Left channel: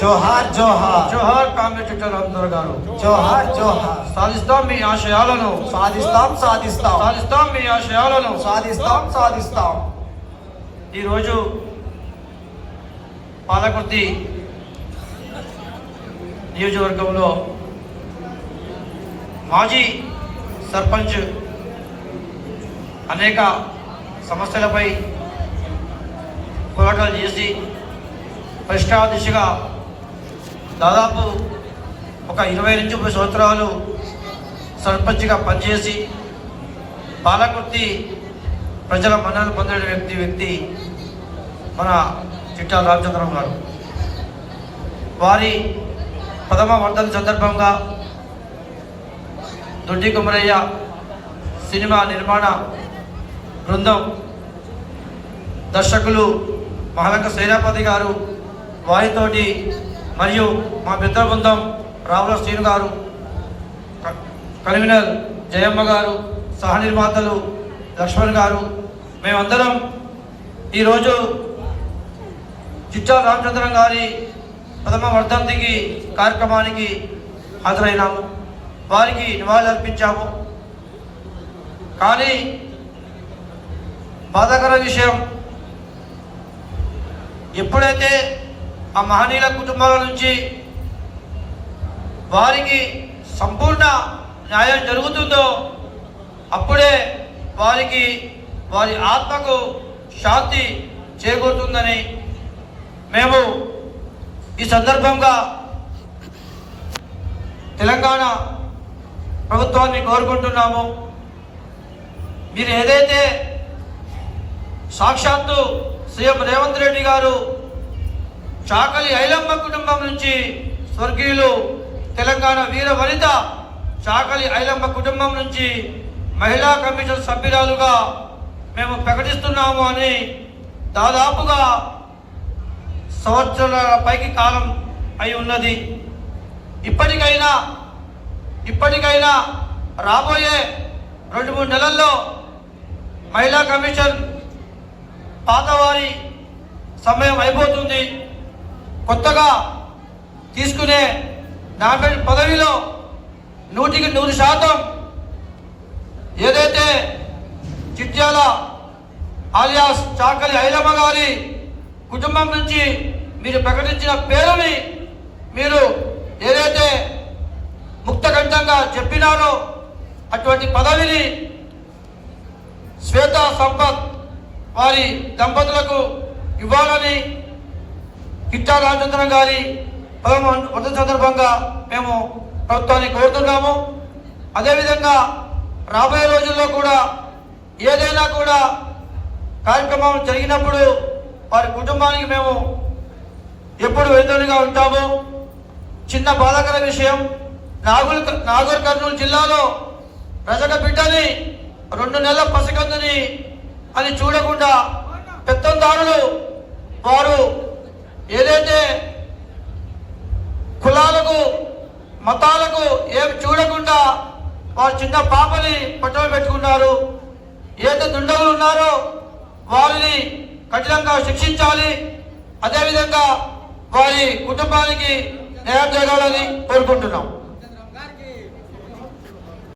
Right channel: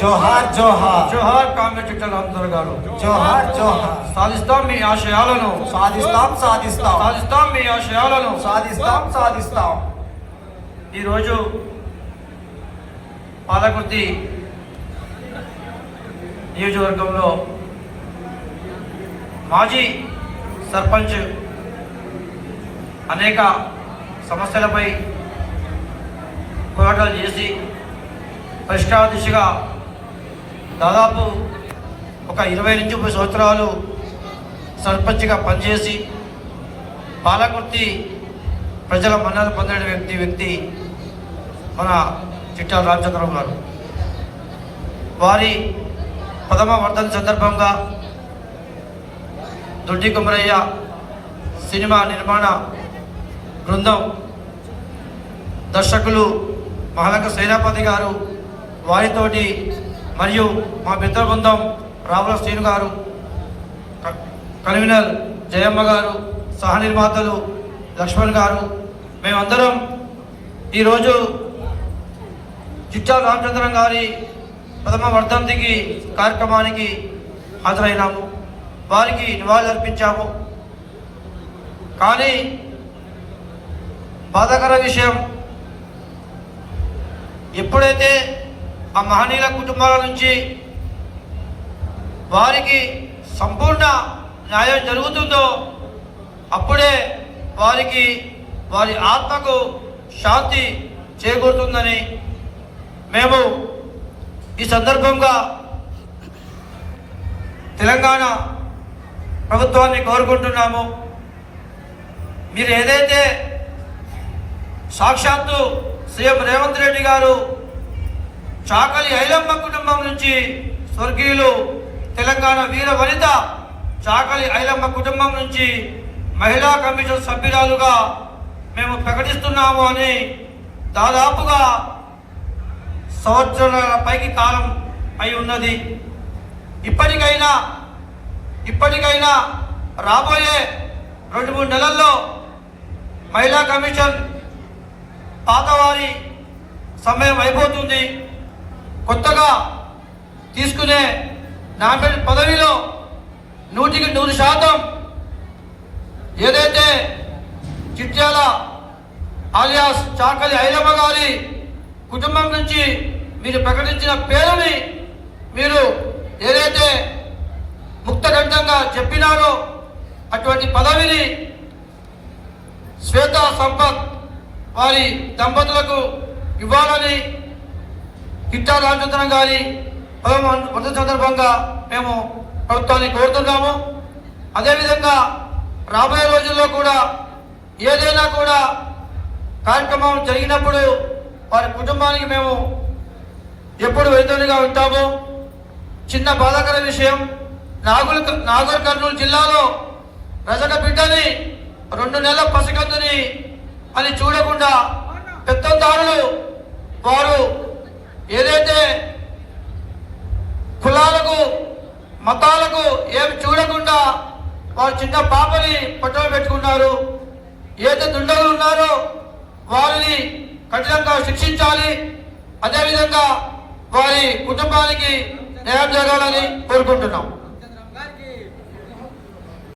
జోహార్ జోహార్ జోహార్ కాంగ్రెస్ చుట్టూ రామచంద్ర గారు. జోహార్ జోహార్. సాధిస్తాం మీ ఆశయాలను, సాధిస్తాం సాధిస్తాం సాధిస్తాం మీ ఆశయాలను. సాధిస్తాం సాధిస్తాం. ఈరోజు పాలకుర్తి నియోజకవర్గంలో మాజీ సర్పంచ్ అనేక సమస్యలపై పోరాటాలు చేసి పరిష్కార దిశగా దాదాపు ఒక 20 నుంచి 30 సంవత్సరాలు సర్పంచ్గా పనిచేసి పాలకుర్తి ప్రజల మన్ననలు పొందిన వ్యక్తి మన చిట్టాల రామచంద్రం గారు. వారి 10వ వర్ధన సందర్భంగా దొడ్డి కుమరయ్య సినిమా నిర్మాణ బృందం, దర్శకులు మహాలంక సేనాపతి గారు, వారితోటి మరియు మా మిత్ర బృందం రావుల శ్రీను గారు, కన్వీనర్ జయమ్మ గారు, సహ నిర్మాతలు లక్ష్మణ్ గారు, మేమందరం ఈరోజు చిట్టాల రామచంద్రం గారి 10వ వర్ధంతికి కార్యక్రమానికి హాజరైనాము. వారికి నివాళులు అర్పించాము. కానీ బాధాకర విషయం, ఎప్పుడైతే ఆ మహనీయుల కుటుంబాల నుంచి వారికి సంపూర్ణ న్యాయం జరుగుతుందో అప్పుడే వారి ఆత్మకు శాంతి చేకూరుతుందని మేము ఈ సందర్భంగా తెలంగాణ ప్రభుత్వాన్ని కోరుకుంటున్నాము. మీరు ఏదైతే సాక్షాత్తు సీఎం రేవంత్ రెడ్డి గారు చాకలి ఐలమ్మ కుటుంబం నుంచి స్వర్గీయులు తెలంగాణ వీర వనిత చాకలి ఐలమ్మ కుటుంబం నుంచి మహిళా కమిషన్ సభ్యురాలుగా మేము ప్రకటిస్తున్నాము అని దాదాపుగా సంవత్సరాల పైకి కాలం అయి ఉన్నది. ఇప్పటికైనా రాబోయే 2-3 నెలల్లో మహిళా కమిషన్ పాతవారి సమయం అయిపోతుంది. కొత్తగా తీసుకునే నామినేట్ పదవిలో 100% ఏదైతే చిట్యాల ఆలియాస్ చాకలి ఐలమ్మ గారి కుటుంబం నుంచి మీరు ప్రకటించిన పేరుని మీరు ఏదైతే ముక్తకంఠంగా చెప్పినారో అటువంటి పదవిని శ్వేతా సంపత్ వారి దంపతులకు ఇవ్వాలని చిట్టాల రామచంద్రం గారి 10వ వర్ధంతి సందర్భంగా మేము ప్రభుత్వాన్ని కోరుతున్నాము. అదేవిధంగా రాబోయే రోజుల్లో కూడా ఏదైనా కూడా కార్యక్రమం జరిగినప్పుడు వారి కుటుంబానికి మేము ఎప్పుడు వెళ్తూనే ఉంటాము. చిన్న బాధాకర విషయం, నాగర్ కర్నూలు జిల్లాలో రజక బిడ్డని 2 నెలల పసికందుని అని చూడకుండా పెత్తందారులు వారు ఏదైతే కులాలకు మతాలకు ఏమి చూడకుండా వారు చిన్న పాపని పట్టణం పెట్టుకున్నారు. ఏదైతే దుండగులు ఉన్నారో వారిని కఠినంగా శిక్షించాలి. అదేవిధంగా వారి కుటుంబానికి న్యాయం జరగాలని కోరుకుంటున్నాం.